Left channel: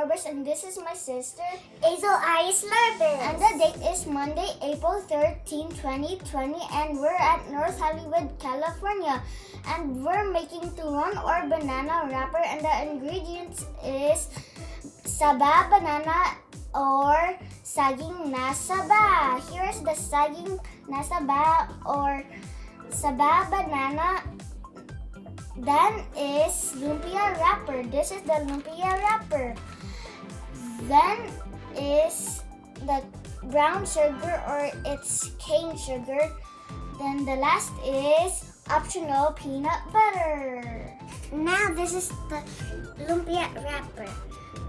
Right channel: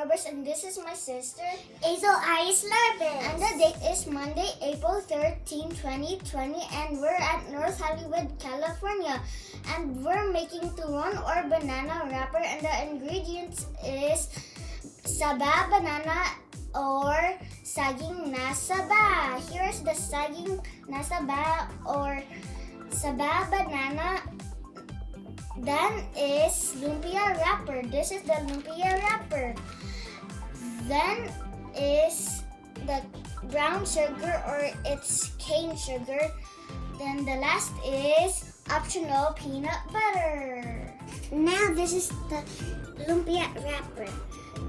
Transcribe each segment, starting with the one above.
Lorbis, and this is my sister, Aexele Iris Lorbis. and the date is Monday, April 13, 2020, and we're at North Hollywood, California. And we're making turon or banana wrapper, and the ingredients is SABA banana or saging na SABA. Here's the saging na SABA or SABA banana. Then is lumpia wrapper. This is the lumpia wrapper. Then is the brown sugar or it's cane sugar. Then the last is optional peanut butter. Now this is the lumpia wrapper.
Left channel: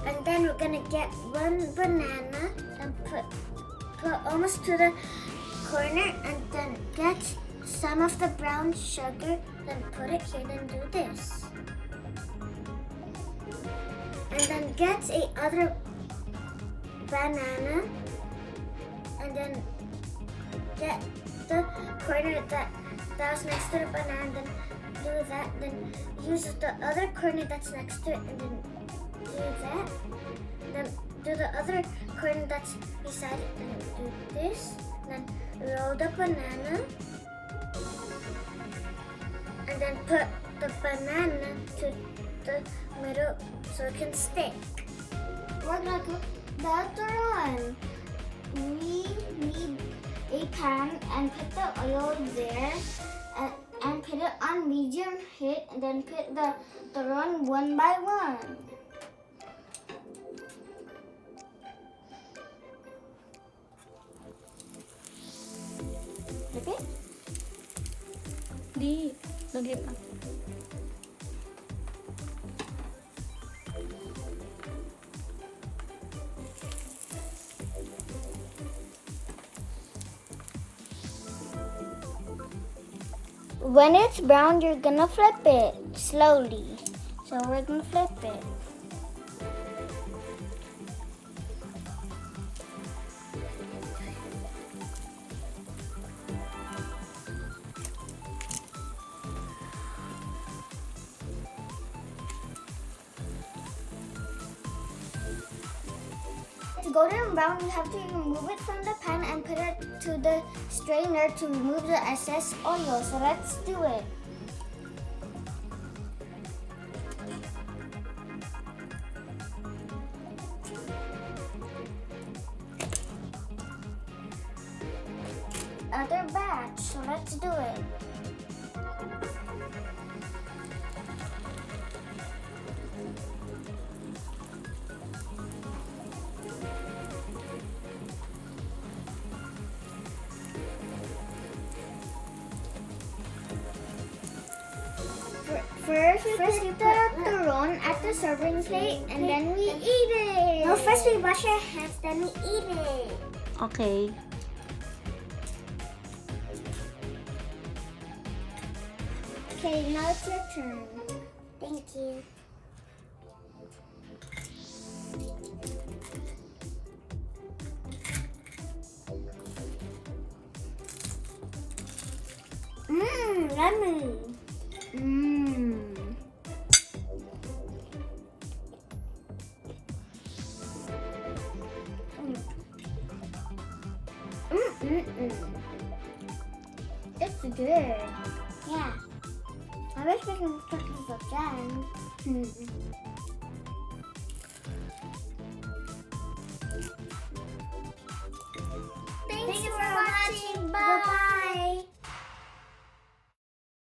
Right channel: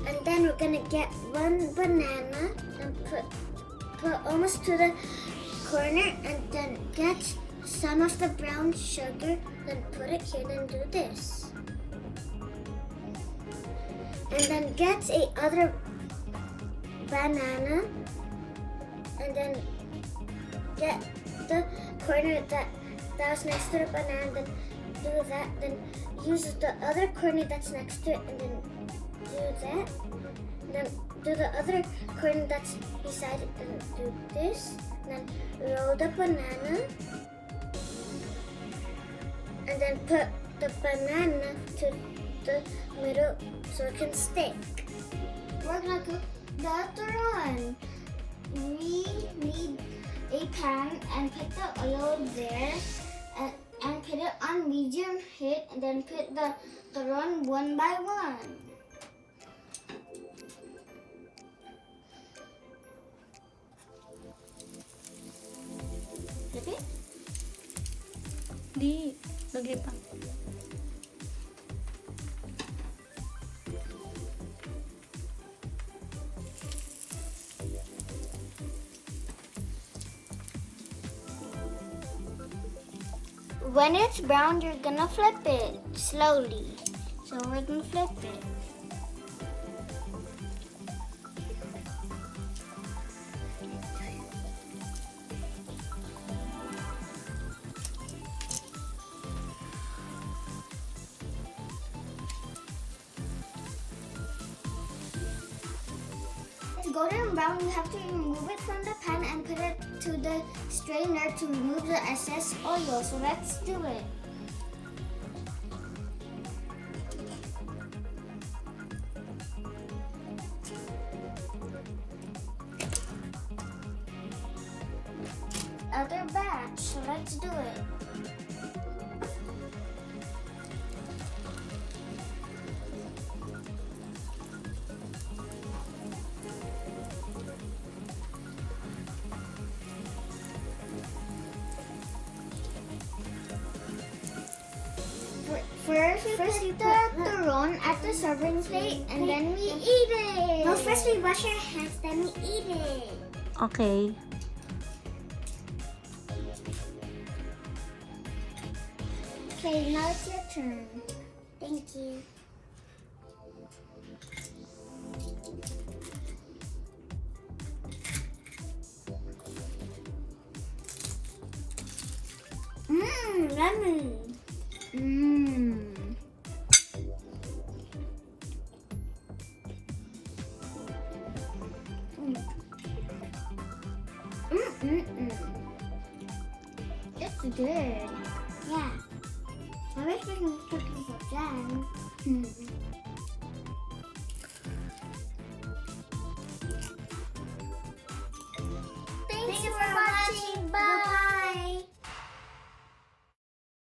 And then we're gonna get one banana and put almost to the corner, and then get some of the brown sugar, then put it here, then do this. And then get a other banana, and then get the corner that was next to the banana, then do that, then use the other corner that's next to it, and then do that. And then do the other corner that's beside it, and do this. And then roll the banana. And then put the banana to the middle so it can stick. We're gonna cook the turon. We need a pan and put the oil there and put it on medium heat, and then put the turon one by one. Okay? Di, lagay pa. When it's brown, you're gonna flip it slowly. So we're gonna flip it. It's golden brown, you have to remove it from the pan and put it to the strainer to remove the excess oil. So let's do it. Other batch, so let's do it. First we put the turon at the serving plate, and then we eat it. No, first we wash our hands, then we eat it. Okay. Okay, now it's your turn. Thank you. Yummy. It's good. Yeah. I wish we can cook this again. Thanks Thank you for for watching. Bye.